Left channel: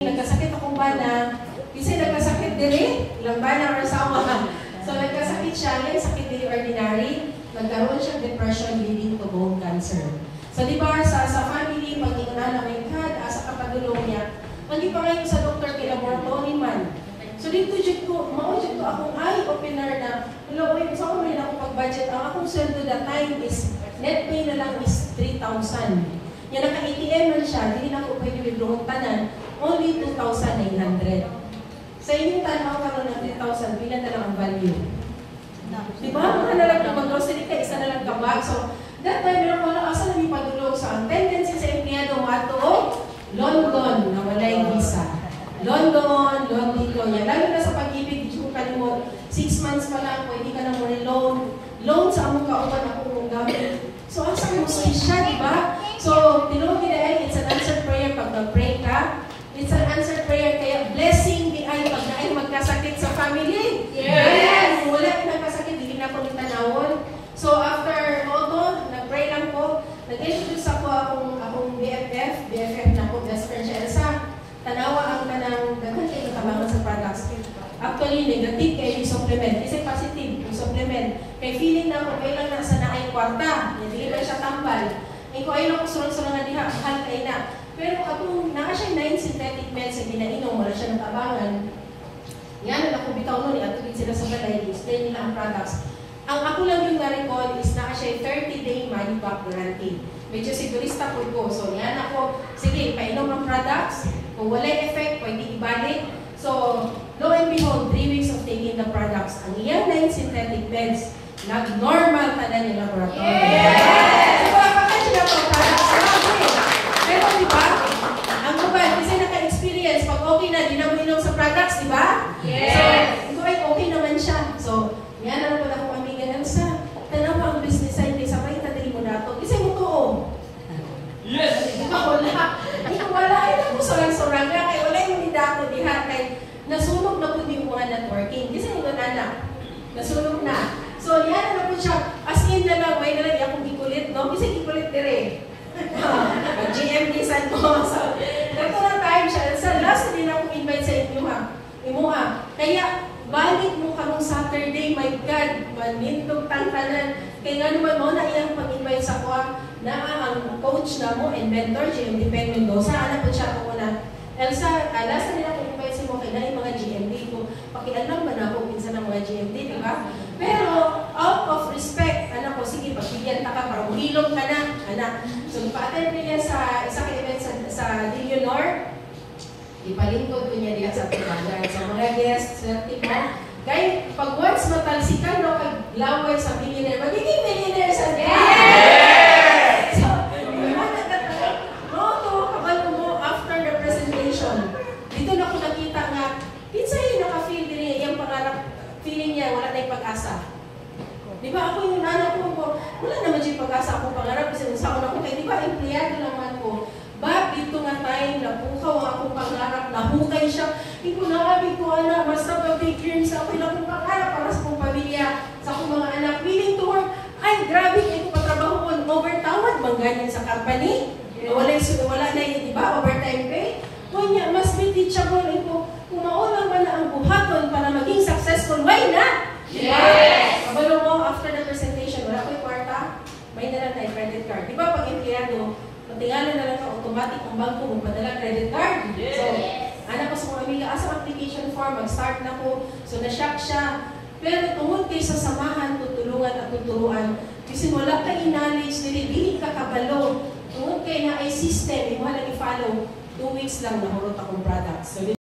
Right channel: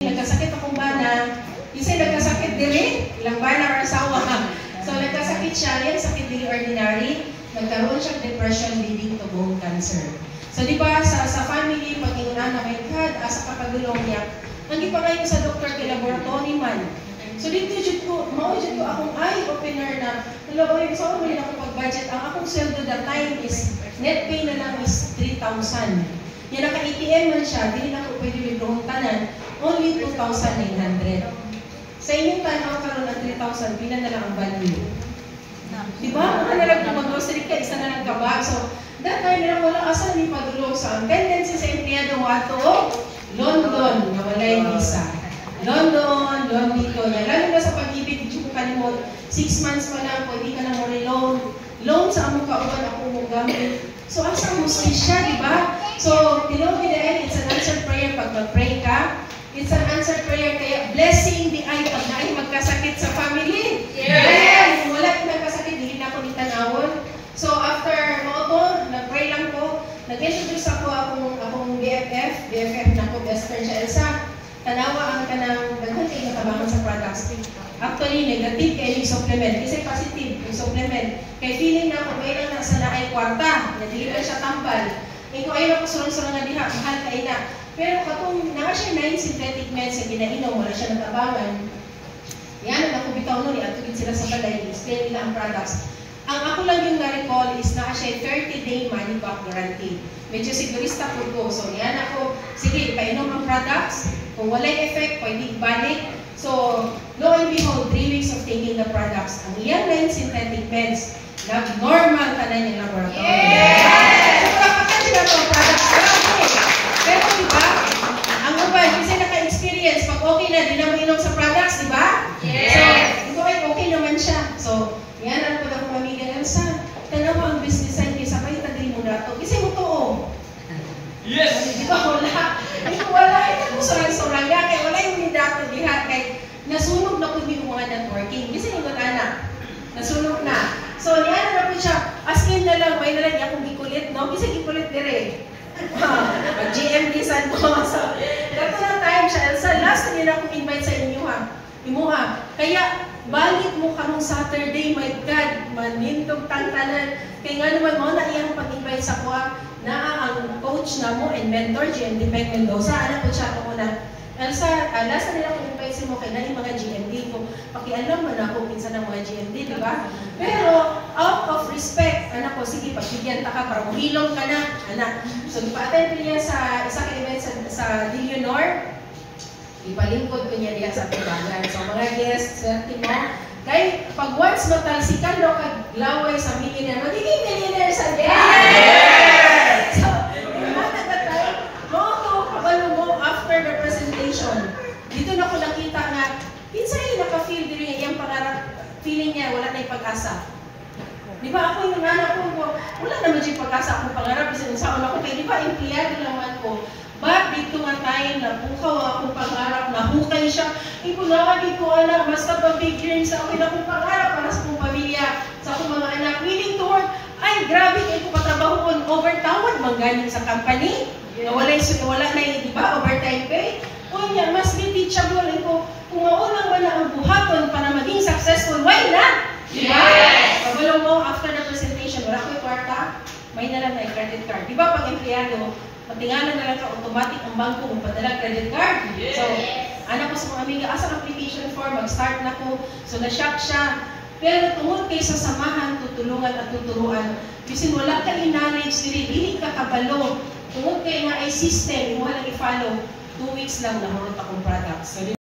Nagkasakit akong bana, kasi nagkasakit diri, ilang bana or asawa. So nagkasakit siya, yan sakit diri ordinary, nagkaroon siya depression leading to bone cancer. So di ba sa family, pag inunan na may kad, asa kapagulong niya, nagipangay ko sa doktor kay laboratory man. So dito jud ko, mao-jud ko akong eye opener na, hello, oy, so may ako pag-budget, ang akong sweldo that time is, net pay na lang is 3,000. Yan naka-ATM man siya, hindi na ako pwede withdraw tanan, only 2,900. Sa inyong tanaw karon ng 3,000, pila na lang ang value. Di ba? Mga na lang mag-grocery ka, isa na lang kabag. So, that time, meron wala asan ni padulong sa tendency sa empleyado mato, London, na walay visa. London dito. Yan, lalo na sa pag-ibig, di ko kalimot, 6 months pa lang, pwede ka na more loan. Loan sa among kauban ako mong gamit. So, asa mo siya, di ba? So, tinawag nila it's an answered prayer pag mag-pray ka. It's an answered prayer, kaya blessing di ay pag naay magkasakit sa family. Yes! Kung wala magkasakit, hindi na ako nitanawon. So, after moto, nag-pray lang ko, nag-introduce ako akong BFF na ko, Esther Elsa. Tanawa ang kanang daghan kayo natabangan sa products. Actually, negative kayo yung supplement. Kasi positive yung supplement. Kaya feeling na ako, may lang nasa na ay kwarta. Nadili siya tambal. Ikaw ay nakusulong-sulong nga diha, mahal kayo na. Pero katong naka siya 9 synthetic meds na ginainom, wala siya natabangan. Yan, ako bitaw nun, iatubig sila sa balay, stay nila ang products. Ang ako lang yung na-recall is naka siya 30-day money back guarantee. Medyo sigurista po ko. So yan ako, sige, painom ang products. Kung walay effect, pwede ibalik. So, lo and behold, 3 weeks of taking the products. Ang iyang 9 synthetic meds, nag-normal ka na yung laboratory. Yeah! Pero diba, ang uban, kasi naka-experience, pag okay na, di na mag-inom sa products, diba? Yes! So, okay naman siya. So, yan ang pala kong amiga, Elsa, tanaw ang business side, sa pay tagay mo na ito. Kasi mo to, yes! Di ba, wala? Wala, ito mo sorang-sorang nga, kaya wala yung nidato dihan, kaya nasunog na po yung mga networking. Kasi yung anak, nasunog na. So, yan na po siya, as in na lang, may nalang akong gikulit, no? Kasi gikulit dire. GM nisan mo. So, ito na time siya. Sa last na nila akong invite sa inyo ha. Imuha. Kaya, balik mo kanong Saturday, my God, manintog tantanan. Kaya nga naman mo na iyang pag-invite sa kuha na ang coach na mo and mentor, GM Depend Mendoza. Anak po siya ako na. Elsa, last na nila akong invite sa mo kaya na yung mga GMD ko. Pakialam man ako minsan ng mga GMD, di ba? Pero, out of respect, anak ko, sige, pagbigyan ka para umilong ka na, anak. So, pa-attend niya sa isang event sa Dillionor, ipalingkod ko niya diya sa Pibangan. So, mga guests, swerte mo. Kaya, pag once matalsikan no, kaglaway sa millionaire, magiging millionaire sa guest! So, after the presentation, dito na ko nakita nga, pinsa yun naka-feel din yung pangarap, feeling niya, wala na yung pag-asa. Di ba ako yung anak ko, wala naman yung pag-asa akong pangarap, kasi unsaon ako, kaya di ba, empleyado naman ko, but dito nga tayo, napukaw akong pangarap, nahukay siya, ikunawagin ko, anak, basta pa big dreams, ako yung akong pangarap para sa akong pamilya, sa akong mga anak, willing to work, ay, grabe, kayo ko patrabaho ko, overtawad, mangganyan sa company, wala na yun, di ba, overtime pay, kunya, mas may teachable, ko, kung maulang ba na ang buhaton para maging successful, why not? Yes! Pabalo mo, after the presentation, wala ko yung kwarta, may na lang na yung credit card. Di ba, pag empleyado, patingalan na lang ka, automatic ang bangko mo padala credit card. Yes. So, anak ko sa mga amiga, asang application form, mag-start na ko. So, na-shock siya. Pero tungkol kayo sa samahan, tutulungan at tuturuan. Kasi wala ka in-knowledge, dili ka kabalo. Tungkol kayo nga ay system, mo lang i-follow. 2 weeks lang na marunong akong products. So,